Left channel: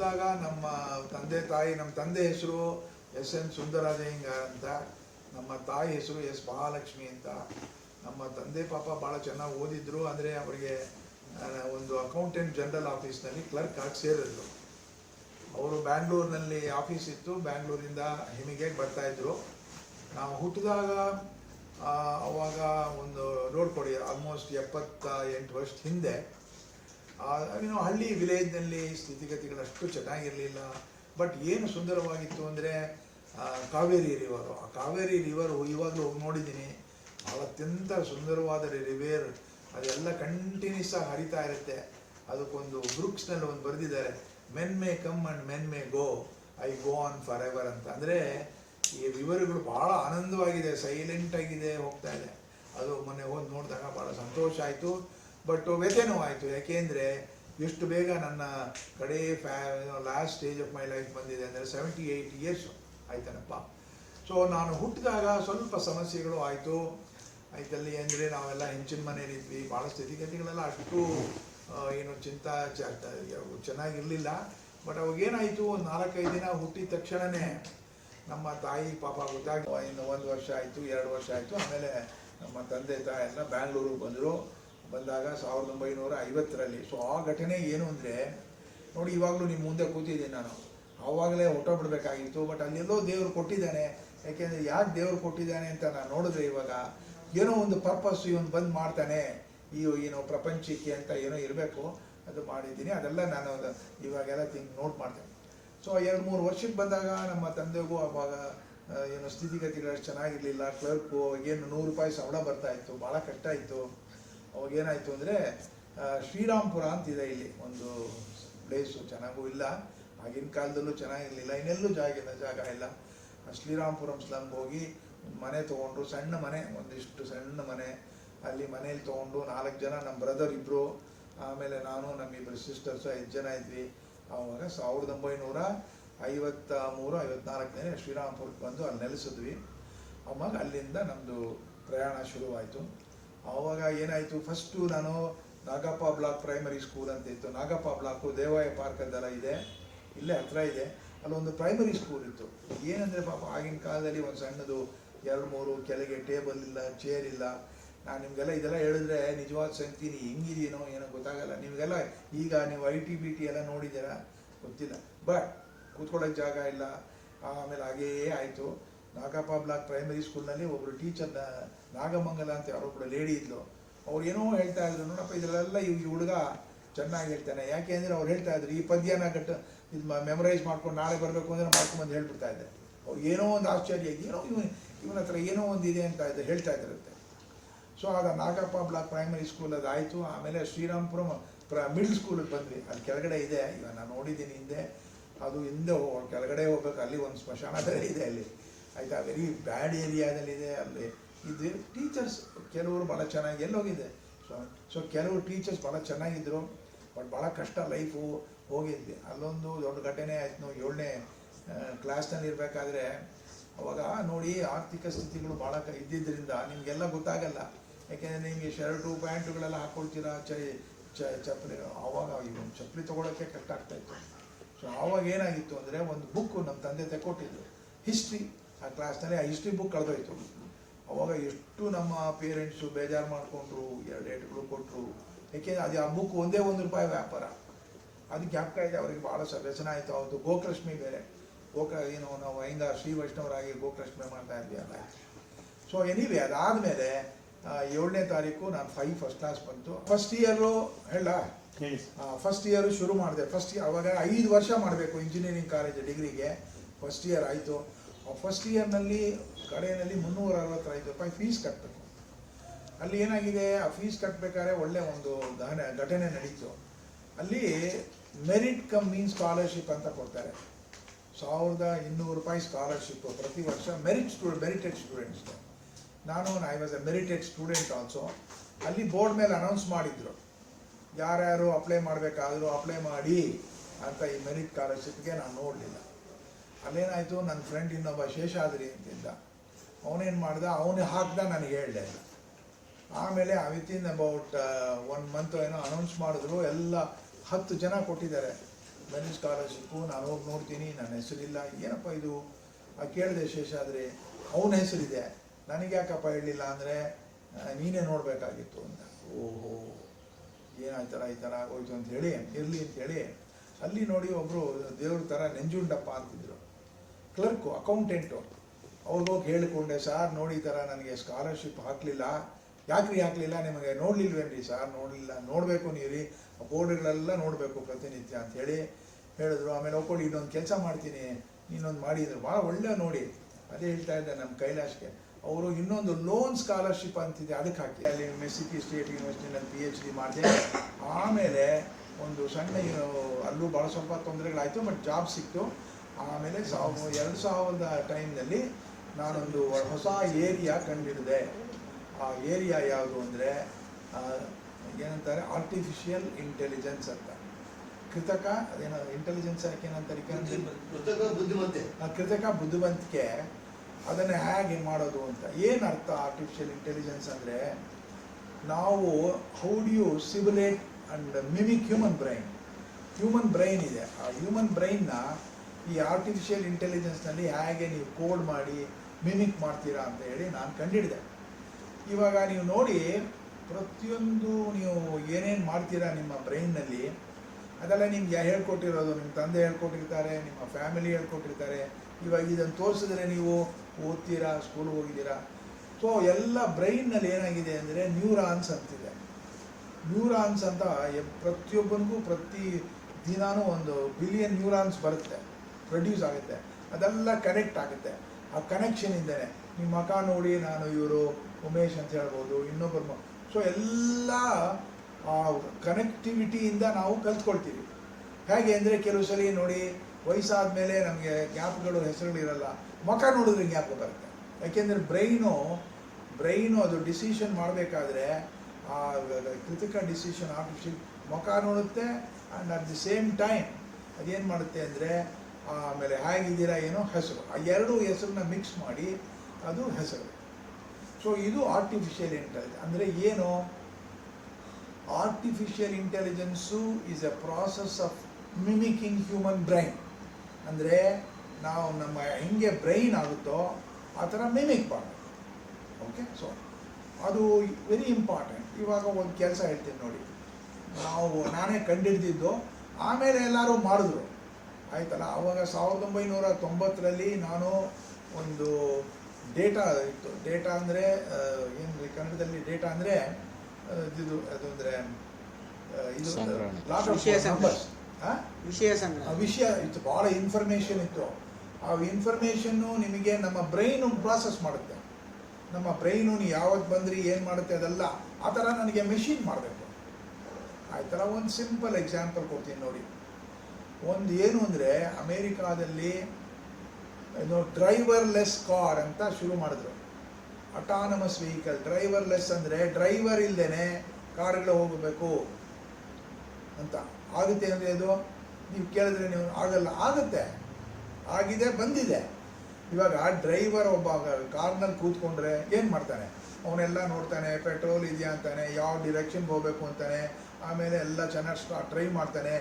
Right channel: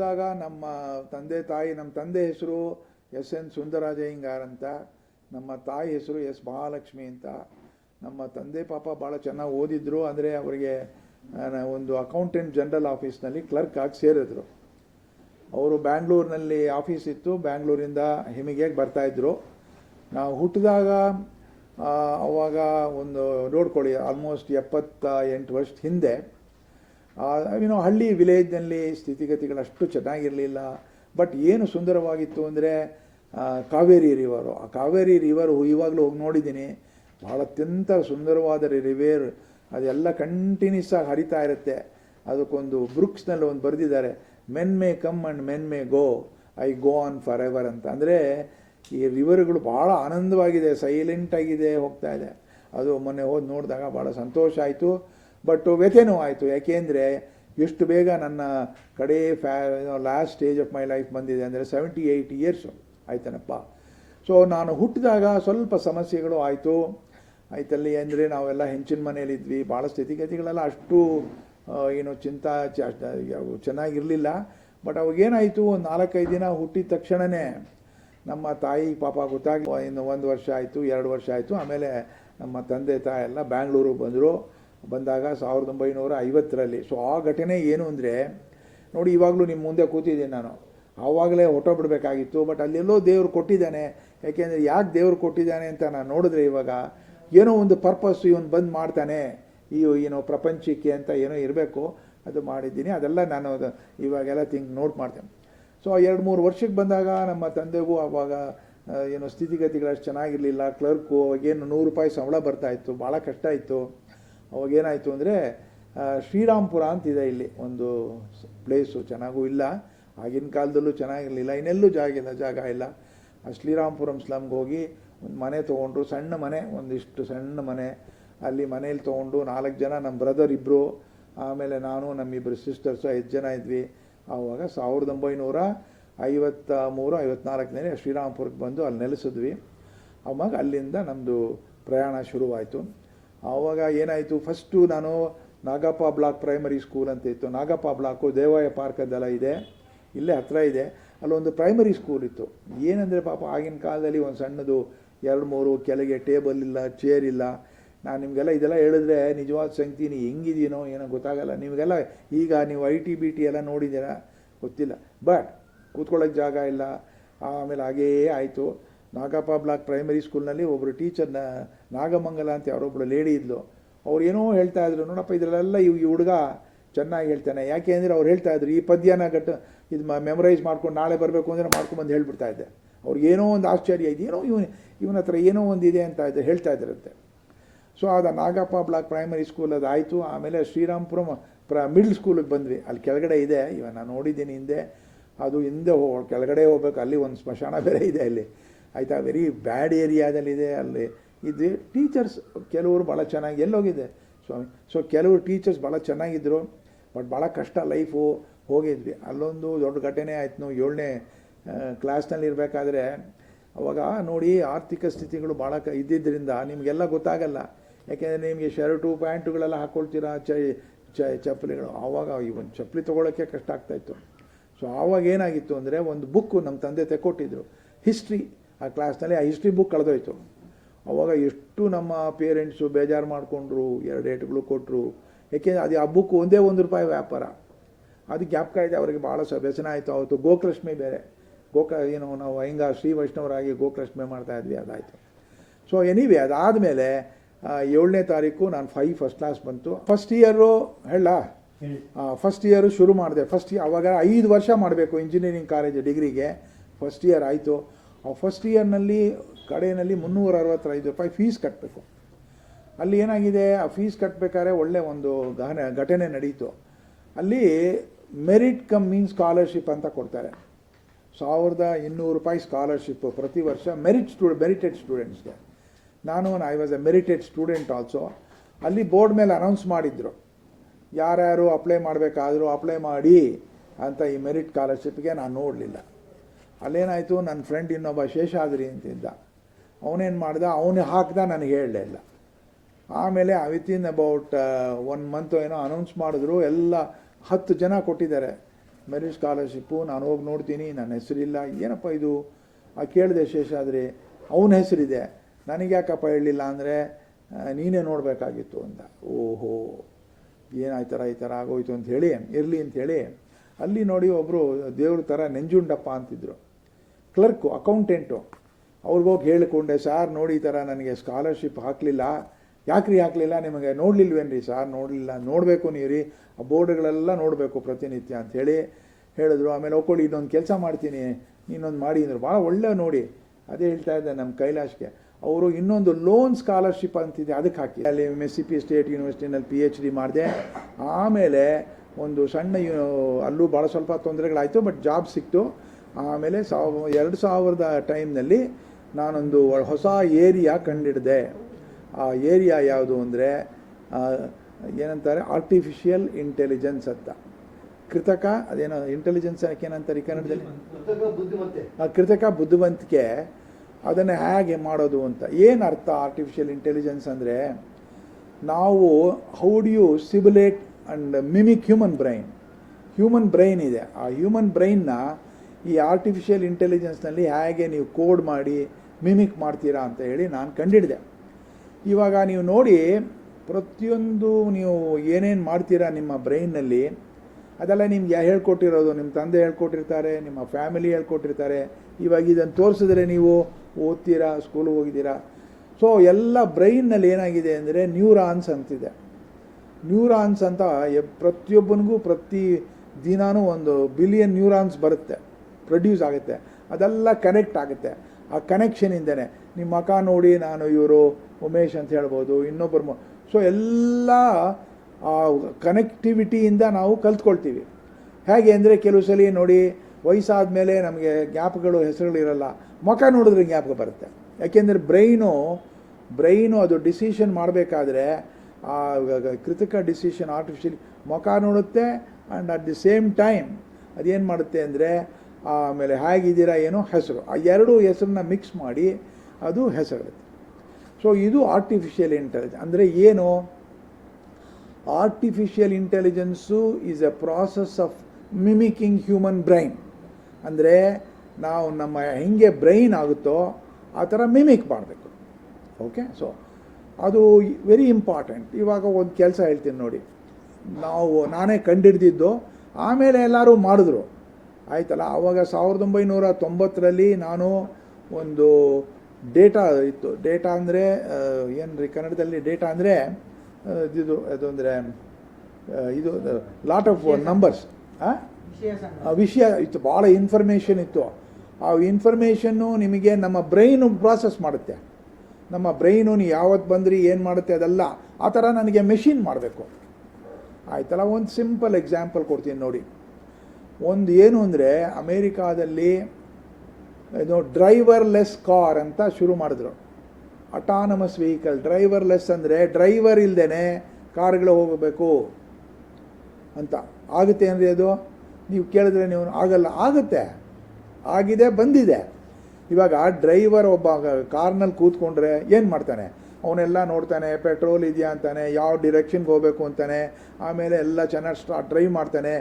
ಹುಟ್ಟಿದಾಗ ನಮ್ಮ ತಂದೆ ಹೆಸರು ಎಸ್.ಎನ್. ಸುಂದರಾಜಯ್ಯಂಗಾರ್ ಅಂತ, ನಮ್ಮ ತಾಯಿ ಹೆಸರು ಎಸ್. ಮಹಾಲಕ್ಷ್ಮಿ ಅಂತ. ನಮ್ಮ ತಂದೆ ಪಾಪ ಭಾಳ ಚೆನ್ನಾಗಿ ಓದಿದ್ರು, ಅಂದರೆ ಅವರಿಗೆ ಒಂದು ಅಕೌಂಟೆಂಟ್ ಜನರಲ್ ಆಫೀಸ್ನಲ್ಲಿ ಕ್ಲರ್ಕ್ ಆಗಿ ಸೇರಿದ್ರು. ಅವರು ಬ್ಯಾಂಗ್ಳೂರಿನಲ್ಲಿ ಆಫೀಸ್ ಇತ್ತು, ಬ್ಯಾಂಗ್ಳೂರಿಂದ ಹಿಮಿಗೆಗೆ ಬರ್ತಾಯಿದ್ರು. ನಾವು ಹುಟ್ಟಿದಾಗ ಅವಾಗ ಒಂದು ನೋಡ್ಕೊಳ್ಳಿ ಆಲ್ಮೋಸ್ಟ್ 78 ವರ್ಷದ ಹಿಂದೆ ಹಳ್ಳಿ ವಿಲೇಜ್ನಲ್ಲಿ ಸ್ಥಿತಿಗತಿಗಳಷ್ಟು ಚೆನ್ನಾಗಿರಲಿಲ್ಲ. ಬಟ್ ಏನು ಸುಂದರವಾಗಿತ್ತು ಅಂದರೆ ಕಾವೇರಿ ರಿವರು. ಆ ಕಾವೇರಿ ರಿವರು ಇವಾಗಲೂ ಹೋಗಿ ನೋಡಿದ್ದೀನಿ, ಭಾಳ ಅತ್ಯಂತ ಸುಂದರವಾದ ರಿವೇರ್. ಅದೆಲ್ಲ ಕಂಟಿನ್ಯೂಸ್ ಆಗಿ ಹರಿತಾ ಇರುತ್ತೆ. ಅದಕ್ಕೊಂದು ಬ್ರುಕ್ಸ್ನಲ್ಲಿ ಒಂದು ಬರೆದಿದ್ದಾರೆ, men may come and men May go, I go on for ever ಅಂತ. ಅಂದರೆ ಈ ರಿವರ್ಗಳು ಭಾಳ ಆನಂದವಾಗಿದೆ, ಸೈಲೆಂಟಾಗಿದೆ, ಹೋಗ್ತಾ ಇದೆ. ಅದು ಮೊನ್ನೆ ಹೋಗಿ ನೋಡಿದಾಗ ಭಾಳ ಸಂತೋಷ ಆಯಿತು. ಬಟ್ ವ್ಯಥೆನೂ ಆಯಿತು, ಯಾಕೆಂದರೆ ಎಷ್ಟು ಬೇಗ ನನ್ನ ಕಡೆ last stage of my life ಬಂದಿದೆ. ಅಂದರೆ 78 ಇಯರ್ಸ್ ಆಯ್ತನಪ್ಪ. ಸೊ ನಾನು ಹುಟ್ಟಿದಾಗ ಸ್ವಲ್ಪ ಸಮಸ್ಯೆಗಳು ಆಯ್ತಲ್ಲಿ. ಅಂದರೆ ನಾವೆಲ್ಲ ಹೆಂಚಿನ ಮನೇಲಿದ್ವಿ, ಭಾಳ ಸ್ಥಿತಿಗತಿಗಳೆಲ್ಲ ಅಷ್ಟು ಚೆನ್ನಾಗಿರಲಿಲ್ಲ. ಬಟ್ ಅವಾಗೇನಾಯಿತು, ಒಂದು 4-5 ದಿನ ಹುಟ್ಟಿದ ತಕ್ಷಣವೇ ನಮ್ಮ ತಾಯಿ ಪಾಪ ಗೊತ್ತಾಗಿ ಇನ್ನು 1 ವರ್ಷ ಆಯಿತು, 2 ವರ್ಷ ಆಯಿತು. ಆಮೇಲೆ ನಮ್ಮ ತಂದೆ ತಾಯಿ ಎಲ್ಲ ಬ್ಯಾಂಗ್ಳೂರಿಗೆ ಬಂದಾಗ 1950ರಲ್ಲಿ. ಸೊ ಆ ಘಟನೆ ಏನು ಅಂದರೆ ನೋಡಿ, ಇವಾಗಲೂ ನಿಮ್ಮ ಮುಂದೆ ಕೂತಿದ್ದೀನಿ ನಾನು, ಆವಾಗಲೇ ಹೊಟ್ಟೋಗ್ಬಿಡ್ಬೇಕಾಗಿತ್ತು. ಬಟ್ ಅಲ್ಲೆಲ್ಲೋ ದೇವರು ಕೊಟ್ಟಿದ್ದಾನೆ. ಯಾಕೆಂದರೆ ಯಾಕೆ ದೇವರು ಕೊಟ್ಟಿದ್ದಾನೆ ಅಂತ ನಾನು ನೋಡಿದ್ರೆ ಇವಾಗ ಏನೋ ಒಂದು ಪರ್ಪಸ್ ಇವನು ಬಂದು ಮಾಡ್ತಾನೆ ಪ್ರಪಂಚಕ್ಕೆ ಅಂತ ಏನೋ ಇರಬೇಕು, ಅದು ಮಾಡಿದ್ದೀನಿ. ಅದೆಲ್ಲ ನಾನು ಇವಾಗೆಲ್ಲ ನೋಟ್ ಮಾಡ್ತೇನೆ. ಸೊ 2-3 ವರ್ಷಕ್ಕೆ ಬಂದಾಗ ನಮ್ಮ ತಂದೆಗೂ ಆವಾಗ ಸ್ಥಿತಿಗತಿಗಳಷ್ಟು ಚೆನ್ನಾಗಿರಲಿಲ್ಲ. ಕ್ಲರ್ಕು ಅವಾಗೇನು 100 ರೂಪಾಯಿ ಸಂಬಳ ಬರ್ತಾಯಿತ್ತು, ಭಾಳ ಕಷ್ಟ ಇತ್ತು. ಅವಾಗೇನಾಯಿತು ಅಂದರೆ ಶ್ರೀರಾಮ್ಪುರ ಅಂತಿದೆ ಇಲ್ಲಿ ಒಂದು ಪ್ಲೇಸು, ಚೆನ್ನಾಗೂ ಇಲ್ಲ, ಆಗಿನ ಕಾಲದಲ್ಲೂ ಚೆನ್ನಾಗಿರಲಿಲ್ಲ, ಇನ್ನೆಲ್ಲೂ ಜಾಗ ಇಲ್ಲ. ಆ ಶ್ರೀರಾಮ್ಪುರಂ ಸ್ಲಮ್ಗೆ ಹೋಗಿ ಒಂದು ಮನೆ ತೊಗೊಂಡ್ರು, ಸಣ್ಣ ಮನೆ, ಒಂದಿಷ್ಟು ಸಣ್ಣ ಮನೆ. ಅಲ್ಲಿ ಮನೇಲಿ ತೊಗೊಂಡು 4 ಜನ, ನಮ್ಮ ಬ್ರದರ್ 2, ಆಮೇಲೆ ನಾನು, ನಮ್ಮಿಬ್ಬರು ಸಿಸ್ಟರ್ಸು 5 ಜನ ಇದ್ವಿ. ಆವಾಗ 1953-54ನೇ ಶ್ರೀರಾಮ್ಪುರಕ್ಕೆ ಬಂದು ಅಲ್ಲಿ ನೆಲೆಸಿದ್ವಿ. ಆವಾಗ ಅಲ್ಲಿಂದ ನಮ್ಮದು ಪ್ರಯಾಣ ಶುರುವಾಯಿತು. ಆವಾಗ ಏನಾಯಿತು, ಫಸ್ಟು ನಾನು ನಾಗಪ್ಪ ಬ್ಲಾಕ್ ಪ್ರೈಮರಿ ಸ್ಕೂಲ್ ಅಂತ ಇತ್ತು. ನಾಗಪ್ಪ ಬ್ಲಾಕು ದೇವಾಯ ಪಾರ್ಕದ್ದೆಲ್ಲ ಇದೆ, ಇಲ್ಲೇ ಹತ್ತಿರ ಇದೆ. ಅಲ್ಲೊಂದು ಪ್ರೈಮರಿ ಸ್ಕೂಲ್ ಇತ್ತು. ಏನಂದರೆ ಪಾಪ ಆಗಿನ ಕಾಲದಲ್ಲಿ ಒಂದು ಸಣ್ಣದು 2-3 ಕೆಳಗೆ ಟೇಬಲ್ ಇಲ್ಲ, ಚೇರ್ ಇಲ್ಲ. ನಾನು ನಿಮಗೆಲ್ಲ ಇದೆಲ್ಲ ಹೇಳಿದ್ರೆ ನಿಜವಾದ ಸಂಗತಿ ಹೆಂಗಿದೀನೋ ಏನೋ ಗೊತ್ತಾಗಲ್ಲ ನಿಮಗೆಲ್ಲ. ಈಗ ನೀವು IT-BT ಎಲ್ಲ ನೋಡಿದ್ದೀರಾ ಗೊತ್ತಿಲ್ಲ, ಬಟ್ ಕೂತ್ಕೊಳ್ಳೋಕ್ಕೆ ಜಾಗ ಇಲ್ಲ. ಆಮೇಲೆ ಹಾಗೇ ಆಯಿತು. ನಾಗಪ್ಪ ಬ್ಲಾಕ್ ಪ್ರೈಮರಿ ಸ್ಕೂಲ್ನಲ್ಲಿ ಒಬ್ಬರು ಟೀಚರ್ ನಾಗಮಂಗಲ ಅಂತ ಯಾರೊಬ್ಬರು ಲೇಡಿ ಇದ್ಲು. ಅವ್ರು ಏನೋ ಹೇಳ್ತಾಯಿದ್ರು, ನೋಡಪ್ಪ ಇದರಲ್ಲೆಲ್ಲ ಈ ಹುಡುಗ ಚೆನ್ನಾಗಿ ಹೇಳ್ತಾನೆ. ಯಾಕೆ ಅಂದರೆ ಅವ್ರು ಹೇಳ್ತಾಯಿದ್ರು, ಈ ಪದ್ಯನ ಇದು ಮೆಮರೈಸ್ ಮಾಡ್ಕೊಂಡು ನಾಳೆ ಬರಬೇಕು ಅಂದರೆ ಮಾಡ್ಕೊಂಬಂದು ಹೇಳ್ಬಿಡ್ತಾಯಿದ್ದೆ. ಅವ್ರಿಗೇನೋ ಒಂದು ಆಶ್ಚರ್ಯ, ಏನೋ ಇವನ ಹತ್ರ ಏನೋ ಒಂದು ಇದೆ ಅಂತ ಹೇಳ್ತಾ ಇದ್ದಿರುತ್ತೆ. ಸೊ ಅದು ನಾಗಪ್ಪ ಬ್ಲಾಕ್ ಪ್ರೈಮರಿ ಸ್ಕೂಲ್ ಅದು ಆಯಿತು. ಆಮೇಲೆ ಶ್ರೀರಾಮ್ಪುರಂ ಮಿಡ್ಲ್ ಸ್ಕೂಲಿಗೆ ಬಂದ್ವಿ. ಅಲ್ಲಿ ಕೆಳಗಡೆ ಇದೆ, ಇವಾಗ ನಾನು ನೋಡಿದ್ದೀನಿ ಹಿಂದೆ. ಅದು ಹಿಂದೆ ಕೆಳಗಡೆ ಹೋಗ್ಬೇಕು, ಅಲ್ಲಿ ಒಂದು ಸ್ಮಶಾನ ಬೇರೆ ಇದೆ ಅಲ್ಲಿ, ಆಯಿತಾ. ವೆರಿ ಬ್ಯಾಡ್ ಏರಿಯಾದಲ್ಲಿದೆ. ಅಲ್ಲಿ ಇದು ಟೀಚರ್ಸ್ ಕೆಲವರು ಭಾಳ ಚೆನ್ನಾಗಿ ಎಲ್ಲೋಗಿದೆ ಸ್ವಾಮಿ. ಸೊ ಕೆಲವರು ಟೀಚರ್ಸ್ ಭಾಳ ಚೆನ್ನಾಗಿದ್ದರು, ಬಟ್ ಭಾಳ ಕಷ್ಟ ಲೈಫು ಹೋಗಿದ್ವಿ. ಅಲ್ಲೊಂದು ದೊಡ್ಡ ಘಟನೆ ಆಯ್ತು. ನಾವು 7ನೇ ಕ್ಲಾಸ್ನಲ್ಲಿ ಇರಬೇಕಾದ್ರೆ ಅವಾಗ ನೋಡಿ ಆರ್ಥಿಕ ಸ್ಥಿತಿಗಳು ಭಾಳ ಇದ್ದಿದ್ದರಿಂದ ನಿಮಗೆಲ್ಲ ಗೊತ್ತಾಗಲ್ಲ. ಯಾಕೆಂದರೆ ನಿಮಗೆ ಶರ್ಟು ಪ್ಯಾಂಟುಗಳೆಲ್ಲ ಹಾಕ್ಕೊಳ್ತೀರಾ, ಚಪ್ಪಲಿಗಳು. ಆವಾಗ ಒಂದು ಚಪ್ಪಲಿ ತೊಗೊಳೋಕ್ಕೆ ಕಷ್ಟ ಆಗ್ತಾಯಿತ್ತು. ಸೊ ಆವಾಗ ಏನಾಗಿತ್ತು ಅಂದರೆ ಒಂದು ಬುಕ್ಕು ನಮ್ಮ ತಂದೆ ತೆಕ್ಕೊಟ್ಟಿದ್ರು, ಹಿಸ್ಟ್ರಿ. ಆ ಕ್ಲಾಸ್ನಲ್ಲಿ ಆ ಹಿಸ್ಟ್ರಿ ಬುಕ್ ಕಳೆದೋಯ್ತು. ಆವಾಗ ಎಷ್ಟು ನಮ್ಮ ಪೇರೆಂಟ್ಸು ಬೇಜಾರು ಮಾಡಿಕೊಂಡ್ರು, 2 ಏಟುಗಳು ಕೊಟ್ಟರು. ಏಕೆಂದರೆ ಅದು ಆ ಬುಕ್ ಒಂದೇ ₹1 ವ್ಯಾಪಾರ. ಅದು ಜ್ಞಾಪಕ ಇದೆ ಅವರಿಗೆ, ಭಾಳ ವ್ಯಸನ ಆಯಿತು. ಅವತ್ತು ಗೋಕೃಷ್ಣಿ ಬೇರೆ, ನಾವು ಹಿಂಗೆ ಶ್ರೀ ವೈಷ್ಣವರಾಗಿ ಗೋಕೃಷ್ಣಿ ಮಾಡ್ತಾಯಿದ್ವಿ, ಅದಾಯಿತು. ಸೊ ಎನಿವೆ ಅದಾದಮೇಲೆ 7ನೇ ತಾರೀಕು ನಾನು ಫಸ್ಟ್ ಕ್ಲಾಸ್ ಬಂತು. ಫಸ್ಟ್ ಇಯರು ಫಸ್ಟ್ ಇಯರು ಶುರು ಮಾಡಿದೆ. ಆವಾಗ 5 ವರ್ಷ ಮಾಡಬೇಕು ಇಂಜಿನಿಯರಿಂಗ್ ಕಾಲೇಜ್ ಡಿಗ್ರಿಗೆ. ಫಸ್ಟ್ ಇಯರ್ ಆಯಿತು. ಆ ಫಸ್ಟ್ ಇಯರ್ನಲ್ಲಿ ಕಡೆಯಲ್ಲಿ ₹365 ಫೀಸ್ ಕಟ್ಟಬೇಕು. ಅಲ್ಲಿ ಏನಾಗಿದೆ, ಆ ಫೀಸ್ ಕಟ್ಟಬೇಕಾದ್ರೆ ಒಳ್ಳೆ ಒಂದು ಘಟನೆ ನಡೀತು. ಅಲ್ಲಿ ಮೆರಿಟ್ ಕಮ್ ಮೀನ್ ಸ್ಕಾಲರ್ಶಿಪ್ ಅಂತ ಕೊಡ್ತಾರೆ. ₹1200 ಸ್ಕಾಲರ್ಶಿಪ್ಪು ಪ್ರತಿ ವರ್ಷ ಮೆರಿಟೆಡ್ ಸ್ಟೂಡೆಂಟ್ಸ್ಗೆ. I was A merited student also. ಅಲ್ಲಿ ಬೋರ್ಡ್ ಮೇಲೆ ಅನೌನ್ಸ್ ಮಾಡಿದ್ರು, ಯಾರ್ಯಾರು ಅಪ್ಲೈ ಮಾಡಬೇಕಾದ್ರೂ ಅಪ್ಲೈ ಮಾಡಿ ಅಂತ. ಈ ಮೆರಿಟ್ ಸ್ಕಾಲರ್ಶಿಪ್ಗೆ ನಾನು ನೋಡಲಿಲ್ಲ. ಅಲ್ಲೇನಾಯಿತು, ನನ್ನ ಫ್ರೆಂಡ್ ಇನ್ನೊಬ್ಬ ಶೇಷಾದ್ರಿ ಅಂತಿದ್ದ, ಅವನೇನು ಮಾಡ್ದ, ಅವನು ಹಾಕ್ದ, ನನಗೆ ಹೇಳಲೇ ಇಲ್ಲ. ಆಮೇಲೆ ವಿತಿನ್ ಅಬೌಟ್ 1 ಮಂತ್ ಏನೋ ಅನೌನ್ಸ್ ಮಾಡಿದ್ರು, ಎಲ್ಲ 10 ಜನ ಕೊಟ್ಟಿದ್ದಾರೆ. Merit scholarship. ನಾನು ಹೋಗಿ ನೋಡ್ತೀನಿ, ನನ್ನ ಹೆಸರಿಲ್ಲ. ಏನಪ್ಪ ಇದು ಕೇಳಿದೆ ಶೇಷಾದ್ರಿ, ಅವನ ಹೆಸರಿದೆ, ನನಗೆ ಯಾಕಪ್ಪ ಹೇಳಲಿಲ್ಲ ಅಂದರೆ ನೀನೇ ನೋಡಬೇಕಾಗಿತ್ತು ಅಂತ. ಓಹೋ, ಏನಾಯ್ತಾರ ಈ ಥರ ಆಗೋಯ್ತು ಅಂತ ಹೇಳಿ, ಇರಲಿ ಅಂಥೇಳಿ ಅಲ್ಲಿ ನೋಡಿ ಒಬ್ಬರು ದೇವ್ರ ಥರ ನಂಜುಂಡಪ್ಪ ಅಂತಿದ್ರು, ಕ್ಲರ್ಕು, ಅಕೌಂಟೆಂಟು. ಅವ್ರಿಗೋಗಿ ಹೇಳಿಕೊಂಡೆ, ಸಾರ್ ನೋಡಿ ಈ ಥರ ನನಗೆ ಸ್ಕಾಲರ್ಶಿಪ್ ಹಾಕಲಿಲ್ಲ. ಯಾಕ್ರಿ ಹಾಕಲಿಲ್ಲ? ನಿಮಗೆ ನೋಡಲಿಲ್ವೇನ್ರಿ? ಸಾರ್ ನೋಡಲಿಲ್ಲ. ನೋಡಬೇಕು ನೀವ್ರಿ, ಆ ಬೋರ್ಡ್ಗಳೆಲ್ಲ ನೋಡಬೇಕು ಪ್ರತಿನಿತ್ಯ ಅಂಥೇಳಿ ಹೇಳಿದ್ರು. ಆಮೇಲೆ ಒಕ್ಕೊಡಿ, ಇನ್ನೊಂದು ಕೆಲಸ ಮಾಡ್ತೀನಿ, ಇನ್ನೊಂದು ಮಾಡಿ ಅಂದರು. ಭಾಳ ಒಳ್ಳೆ ನೋಡಿ, ಅದೇ ಹೇಳ್ತಾ ಇದ್ದೆ ನಮ್ಮ ಕೈಲಾಶ್ಗೆ. ಅವರು ಇನ್ನೊಂದು ಲೋನ್ ಸ್ಕಾಲರ್ಶಿಪ್ ಅಂತಿದೆ, ಅದಕ್ಕೆ ಹಾಕಿ. ಅಲ್ಲಿ ಮಿಸ್ಸಿಪಿ ಸ್ಟೇಟ್ ಯೂನಿವರ್ಸಿಟಿನಲ್ಲಿ PhD ಮಾಡಿದೆ. ಆಮೇಲೆ ಒಂದು ಸಣ್ಣ ಅಲ್ಲೂ ಭಾಳ ಸ್ವಲ್ಪ ತೊಂದರೆಗಳಾಯಿತು, ಬಟ್ ಜಾಬ್ ಸಿಕ್ತು. ಆಮೇಲೆ 2000 ಟೈಮ್ನಲ್ಲಿ ನಾನೊಂದು ಹೊಸ ಏರಿಯಾ ಕಂಡಿಡಿದೆ. ಆ ಏರಿಯಾ ಯಾವುದು ಅಂದರೆ ಏನಂತಾರೆ, ಆರ್ಟಿಫಿಷಿಯಲ್ ಇಂಟೆಲಿಜೆನ್ಸ್ ಅಂತ. ಕೃತಕ ಅದೇನೋ ಇಂಟೆಲಿಜೆನ್ಸ್ ಏನಂತಾರೆ ಕನ್ನಡದಲ್ಲಿ? ಕೃತಕ ಬುದ್ಧಿವಂತಿಕೆ. ಅದನ್ನು ಹೇಗೆ ಮಾಡೋದು ಅಂತ. ಏನು ಅರ್ಥ ಆರ್ಟಿಫಿಷಿಯಲ್ ಇಂಟೆಲಿಜೆನ್ಸ್ ಅಂದರೆ, ನಾವು how do you simulate and mimic human brain ಇದೆ. ಆ ಹ್ಯೂಮನ್ ಬ್ರೈನ್ನ ಈ ಆರ್ಟಿಫಿಷಿಯಲ್ ಇಂಟೆಲಿಜೆನ್ಸ್ನಲ್ಲಿ ಹೇಗೆ ನೀವು ಕೋಡ್ ಮಾಡಿ ಮಿಮಿಕ್ ಮಾಡ್ತೀರಾ ಅಂತ ಹೇಳಿ ನಾನು ಕಂಡಿಡಿದೆ. ಇವಾಗ ನೀವು ನೋಡಿ, ಪ್ರತಿಯೊಂದು ನೀವು ಏನೇನು ಮಾಡ್ತೀರಾ ನಿಮ್ಮ ಬ್ರೈನ್ನಲ್ಲಿ, ಅದೆಲ್ಲ ನಿಮ್ಗೆ ಹೇಳ್ಕೊಟ್ಟಿರೋದು, ನಿಮ್ಮ ತಂದೆ ಹೇಳ್ಕೊಟ್ಟಿರ್ತಾರೆ, ನಿಮ್ಮ ಫ್ಯಾಮಿಲಿ ಹೇಳ್ಕೊಟ್ಟಿರ್ತಾರೆ. ಇವಾಗ ಇದನ್ನು ತೋರಿಸಿದ್ರೆ ನೀವು ಓದ್ತೀರಾ, ಸ್ಕೂಲಿಗೆ ಹೋಗಿದ್ದೀರಾ. ಸೊ ಎಲ್ಲ ಬ್ರೈನ್ನಲ್ಲಿ ಏನಾಗಿದೆ ಅಂದರೆ ನ್ಯೂರಾನ್ಸ್ ಅಂತಿದೆ. ನ್ಯೂರಾನ್ಸ್ ಅಂತ ಪ್ರತಿಯೊಬ್ಬನಿಗೂ ಪ್ರತಿ ದಿನಾನೂ 1 ಬಿಲಿಯನ್ ನ್ಯೂರಾನ್ಸ್ ಬರುತ್ತೆ, ಪ್ರೊಡ್ಯೂಸ್ ಆಗುತ್ತೆ. ಅದೆಲ್ಲ ಕನೆಕ್ಟ್ ಆಗುತ್ತೆ. ಆ ಕನೆಕ್ಷನಿಂದನೇ ನಿಮ್ಮ ಮಕ ನೋಡಿ ನಾನು ಇವರು ಉಮೇಶ್ ಅಂತ ಹೇಳ್ಬೋದು, ಇನ್ನೊಬ್ಬರು. ಸೊ ಎಲ್ಲ ಆ ಕನೆಕ್ಟಿವಿಟಿಯಿಂದ ನಾವು ಕಲ್ತ್ಕೊಳ್ತೀವಿ. ಹೇಗೆ ಅಂದರೆ, ಕೆಲವು ಸಲ ನೋಡಿ ವಯಸ್ಸಾದ ಮೇಲೆ ನಮಗೆ ಜ್ಞಾಪಕಗಳು ಹೆಸರುಗಳಿರಲ್ಲ, ಮುಖ ನೋಡಿದ್ರೆ ಜ್ಞಾಪಕ ಬರುತ್ತೆ. ಯಾಕೆಂದರೆ ಬ್ರೈನು ಅದು ಡಿಸಿಷನ್ ಮಾಡಬೇಕಾದ್ರೆ, ಆ ಕೃತಕ ಡಿಸಿಷನ್ ಆರ್ಟಿಫಿಷಿಯಲ್ ಮುಖ ನೋಡುತ್ತೆ. And at the same time ಅದೇನು ಮಾಡುತ್ತೆ ಅಂದರೆ, ಆಮೇಲೆ ಹೇಗಿದ್ದೀರಾ ಏನೋ ಹೆಸರು, ಆ 2 ಹೆಸರನ್ನ ಮಿಕ್ಸ್ ಮಾಡಿ ಅದು ಹೆಸರು. ಸೊ ಇದು ಆರ್ಟಿಫಿಷಿಯಲ್ ಇಂಟೆಲಿಜೆನ್ಸ್ ಅಂದರೆ ಏನು? Artificial intelligence is A process of ಮಿಮಿಕಿಂಗ್ human brain. ಅಂದರೆ ನಾವು ನಮ್ಮ ಹೆಂಗೆ ಬ್ರೈನ್ ಆಗುತ್ತೋ ಆ ಥರ ಮಿಮಿಕ್ ಮಾಡಬೇಕು. ಓಕೆ, ಸೊ ಅದು ವೆರಿ ಇಂಪಾರ್ಟೆಂಟ್. ಇವಾಗ ಒಂದು ಕೆಲಸ ಹೇಳ್ತೀನಿ ನೋಡಿ, ನಾನೇ ಕಂಡಿಡ್ದಿದ್ದು, ಆಮೇಲೆ ಎಲ್ಲರೂ ಮಾಡಿದ್ರು, ಆಯ್ತಲ್ಲ. ಆವಾಗ 1990ರಲ್ಲಿ ನಾನು ಒಂದು ಡೇಟಾ ಇತ್ತು. ಡೇಟಾ ಅಂದರೆ ಏನು ರೀ ಕನ್ನಡದಲ್ಲಿ? ಡೇಟಾ ಅಂದರೆ ಅದು ಅಂದರೆ ಇದು ಲಾಟ್ ಆಫ್ ನಂಬರ್ಸ್, ವಿಷಯ ಇತ್ತು, ಭಾಳ ಇನ್ಫಾರ್ಮೇಷನ್ ಇತ್ತು. ಆ ಇನ್ಫಾರ್ಮೇಷನ್ನು ನಿಮಗೆ ನಮ್ಮ ಬ್ರೈನು ಪ್ರಾಸೆಸ್ ಮಾಡುತ್ತೆ. ನಮ್ಮ ಬ್ರೈನು ನೀವು ಯಾವತ್ತು ಬಂದ್ರಿ ಏನು ಮಾಡುತ್ತೆ ಅದೆಲ್ಲ ಆ ಥರ ನನಗೆ ಮೆಷಿನ್ ಮಾಡಬೇಕು, ಆಯ್ತಲ್ಲ. ಒಂದು ಸಿಂಪಲ್ ಎಕ್ಸಾಂಪಲ್ ಕೊಡ್ತೀನಿ ನೋಡಿ. ಒಂದು ಏನು ಅಂದರೆ, ಅಮೇರಿಕಾದಲ್ಲಿ ಏನೋ ಡ್ರೈವರ್ಲೆಸ್ ಕಾರ್ ಅಂತ ಶುರು ಮಾಡಿದ್ರು. Autonomous vehicle. ಡ್ರೈವರ್ಲೆಸ್ ಅಂದರೆ ಡ್ರೈವರ್ ಇಲ್ಲದೇ ಕಾರ್ಗಳು ಹೋಗಬೇಕು ಅಂತ. ಆಗುತ್ತೆ ಅಂದರೆ ಅದು ನೀವು ಕೇಳಿದ್ರೆ ನೀವು ಆಗಲ್ಲ. ಆಗುತ್ತೆ, ಆಗಿದೆ, ಬಂದಿದೆ. ಇವಾಗ ಡ್ರೈವರ್ ಒಬ್ಬ ಕಾರ್ನಲ್ಲಿ ಕೂತ್ಕೊಂಡ್ರೆ ಏನು ಮಾಡ್ತಾನೆ? ಅವನೆಲ್ಲ ನೋಡ್ತಾನೆ, ಪೆಟ್ರೋಲ್ ಇದೆಯಾ ಅಂತಾನೆ, ಯಾವ ಡಿರೆಕ್ಷನ್ಗೆ ಹೋಗಬೇಕು ಅಂತಾನೆ, ಆಮೇಲೆ ಎಲ್ಲ ಚೆನ್ನಾಗಿ ಡ್ರೈವ್ ಮಾಡ್ತಾನೆ.